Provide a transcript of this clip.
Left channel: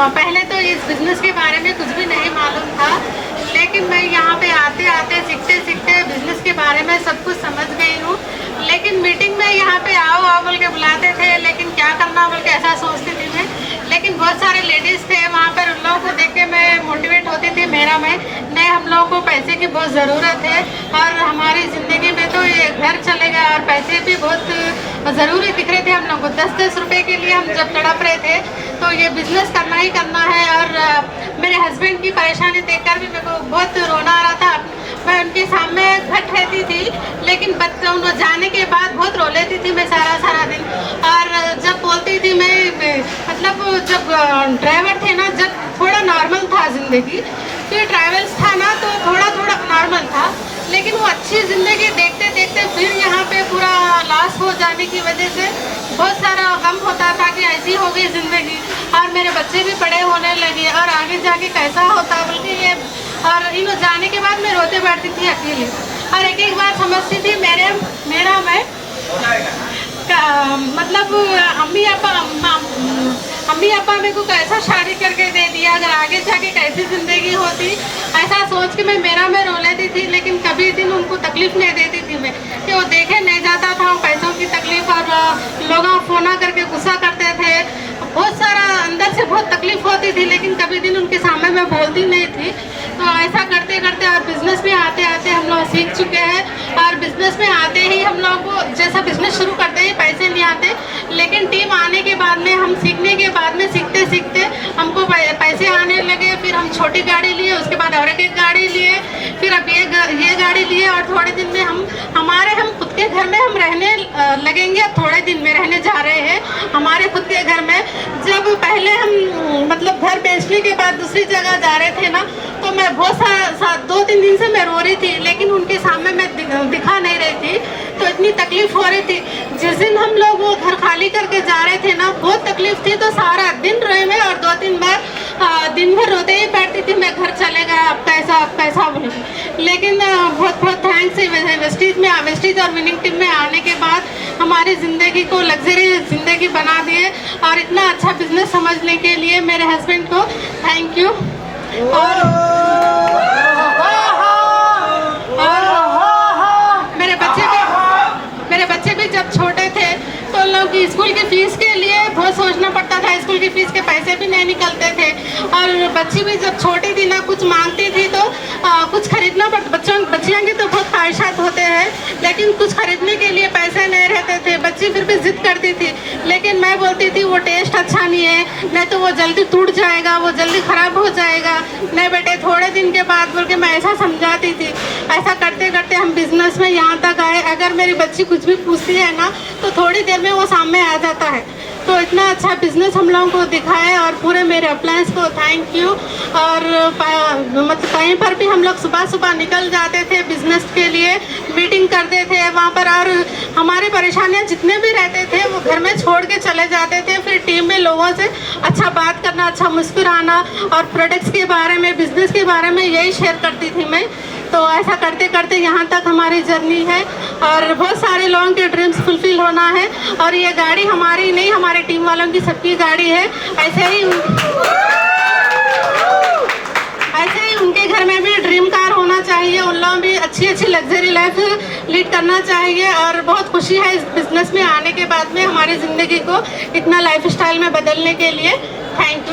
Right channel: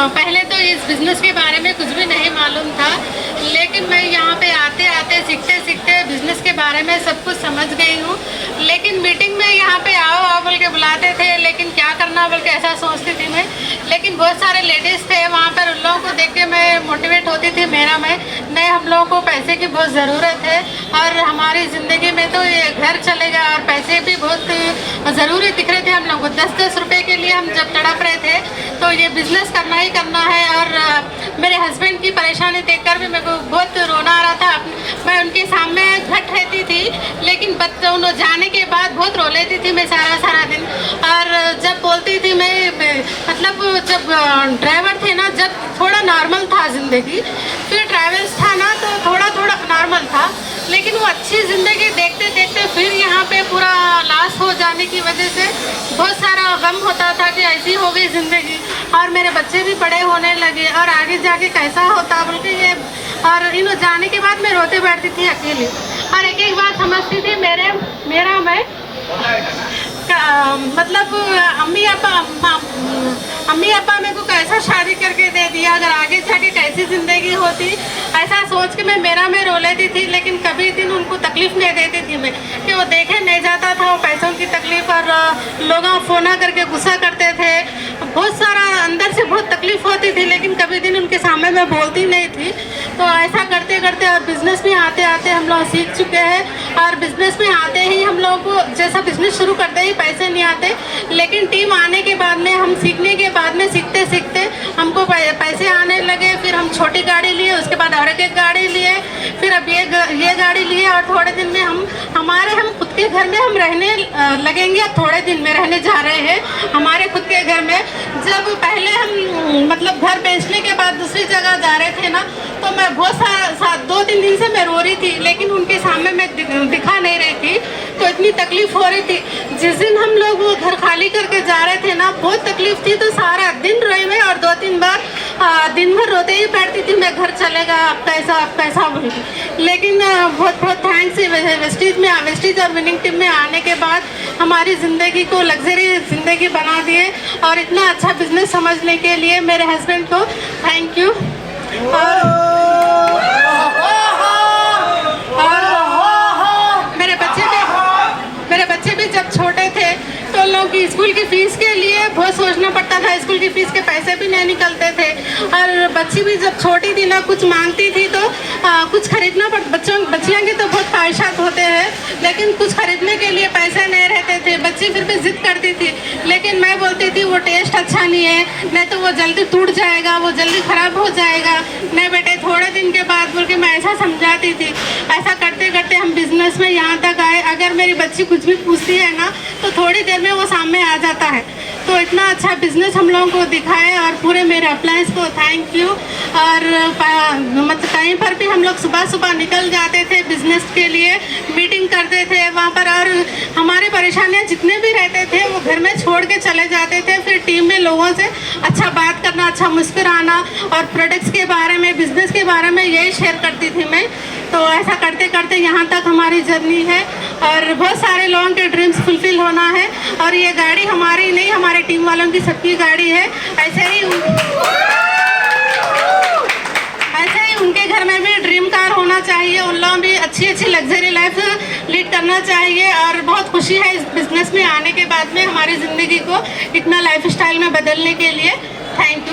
पहले तो इस बिज़नेस के बारे में कुछ भी नहीं मालूम था, लेकिन मैं यहाँ पे आते आते सीखते सीखते बिज़नेस के बारे में सब कुछ समझ गई हूँ। लेकिन मीटिंग में यहाँ पे आओ आओ बोल के बुलाते थे, लेकिन क्या करना बोल के ऐसा सोचती थी मैं। लेकिन बहुत सारे लेडीज़ थे वहाँ पर, उन लोगों को देख के मैं मोटिवेट होती थी। मेरा में नहीं, हम लोगों को पैसे की बहुत ज़रूरत है और हमारी ज़िंदगी में तो ये घर चलेगा और पैसे भी बहुत ज़रूरी दिख रहे थे हम लोग को। 10-10 रुपये के लिए हम जब तड़प रहे थे, तो ये बिज़नेस करना ही करना है। और मेरे हस्बैंड की परेशानी देखकर भी मेरे को बहुत रोना आ रहा था। मैं उनके सामने घट रहती थी, लेकिन बच्चों जाने के बाद बहुत रो लेती थी मैं सारा दिन। और जब बोलती थी मैं, मतलब जब ड्राइवर थे ना, जब थोड़ा नॉर्मल था ज़िंदगी, फिर ट्रैवल्स था ना तो थोड़ा थोड़ा नॉर्मल था, लेकिन वो अच्छी ज़िंदगी देखते देखते फिर यहाँ पे पूरा लॉस हो जाने की वजह से बहुत सारा गम होता था कि ऐसी हो गई ज़िंदगी। और मेरे बच्चे भी बड़े होने लगे और आगे जाके कैसा होता बोल के ये, और इन जाने के बाद मैं रोते बैठती थी अकेली। और एक एक बार समझती थी मेरा मैं मतलब अम्मी अब्बा मेरे को कैसा शादी करके दे दिया, अगर आगे जाके कैसी ज़िंदगी होती, ऐसा सोच के मैं रो लेती थी। लेकिन कभी दिन उनको तकलीफ़ नहीं देती थी मैं, कि वो देखे नहीं जाता था वो पैसों की तकलीफ़। और लोग फ़ोन करके गुस्सा करते थे, बहुत सारा अंदर से बहुत तकलीफ़ होती थी, लेकिन कभी दिन उनके सामने मैं बोलती नहीं थी। तो ऐसा करते करते और बिज़नेस में आते आते हम लोग सीख चुके हैं। और बिज़नेस में आते ही हम लोग को, जैसा बिज़नेस शुरू करते ही पैसे नहीं आते, लेकिन टीम आने के बाद में, हम सीखने के बाद में, सीखते सीखते हमको पैसे आने लगे। फिर हम छोटी गाड़ी लिए, उसके बाद और एक गाड़ी लिए, फिर अब ये गाड़ी लिए। और थोड़े दिन में हम खुद के घर में हम रहने लगेंगे। अब थोड़े दिन में रहने जा रहे हैं हमारे खुद के घर में। जब पहले हम मतलब घर बेचने के बाद दूसरी जगह जा रहे थे ना, तो मैं बहुत सारा 2-3 दिन से मैं रो रही थी, लेकिन उनके सामने मैं दिखा नहीं रही थी, तो इतनी तकलीफ हो रही थी। जिस दिन हम लोग वो घर खाली करके जा रहे थे ना, बहुत तकलीफ थी, तो सारा दिन रोई मैं। और 2-3 बार दिन भर रोते ही बैठती थी मैं, घर चलेगा अब कैसा बोल के। लेकिन बहुत बहुत थैंक्स वेस्टीज और विनिंग टीम में आने के बाद हमारी ज़िंदगी को लग्जरी ज़िंदगी बना दिए। और इतना अच्छा बिजनेस समझने के लिए मेरे हस्बैंड को थैंक यू। और मेरे बच्चे भी जब छोटे थे तो लोग स्कूल की फ़ीस के लिए बहुत सोचना पड़ता था, स्कूल की फ़ीस के पैसे भी नहीं निकलते थे। और बच्ची भी जब छोटी थी ना, कुछ मांगती थी तो कुछ खरीदना पड़ता। बच्चियों की तो बहुत ख्वाहिशात होते हैं, लेकिन कुछ खरीदने के लिए पैसे नहीं रहते थे। बच्ची फिर भी ज़िद करती थी, लेकिन मैं बोलती थी वो टेस्ट अच्छा नहीं है, नहीं तो वो जल्दी टूट जाएगा, वो जल्दी ख़राब हो जाएगा। नहीं बेटे, थोड़े दिन के बाद बोल के मैं ऐसा समझाती थी। ऐसा करते करते हम बिज़नेस में यहाँ तक आए। अगर मेरी बच्ची कुछ भी पूछती है ना, तो थोड़ी देर में वो सामने आ जाता है। तो इतना अच्छा बिज़नेस हम लोगों को दिखाए। और पूरे मेरे अप्लायंस को थैंक यू। और मतलब कहीं पर भी हम लोग सुबह निकल जाते थे बिज़नेस के लिए, मीटिंग करते थे वहाँ पर। और हमारी परेशानियाँ जितने भी रहते थे वो घर में छोड़ के चले जाते थे। फिर टीम में लोगों से अच्छा बात करना, अच्छा मुस्कुराना, और प्रोडक्ट्स के बारे में, बिज़नेस के बारे में यही शेयर करती थी मैं। तो ऐसा करते करते यहाँ तक हमारी जर्नी है। और बहुत सारे लोगों के ड्रीम्स फुलफिल होना है। और ये गाड़ी हमारी नहीं, हमारे टीम वालों की सबकी गाड़ी है। ऐसे ही उनके घर में भी ड्रीम कार होना चाहिए, उन लोगों भी अच्छी लग्जरी लाइफ लीड करना चाहिए। और बहुत खुशी है इस बिज़नेस में आने के बाद में हमारी ज़िंदगी को इतना लाइफ स्टाइल में बदलने के लिए। Thank you.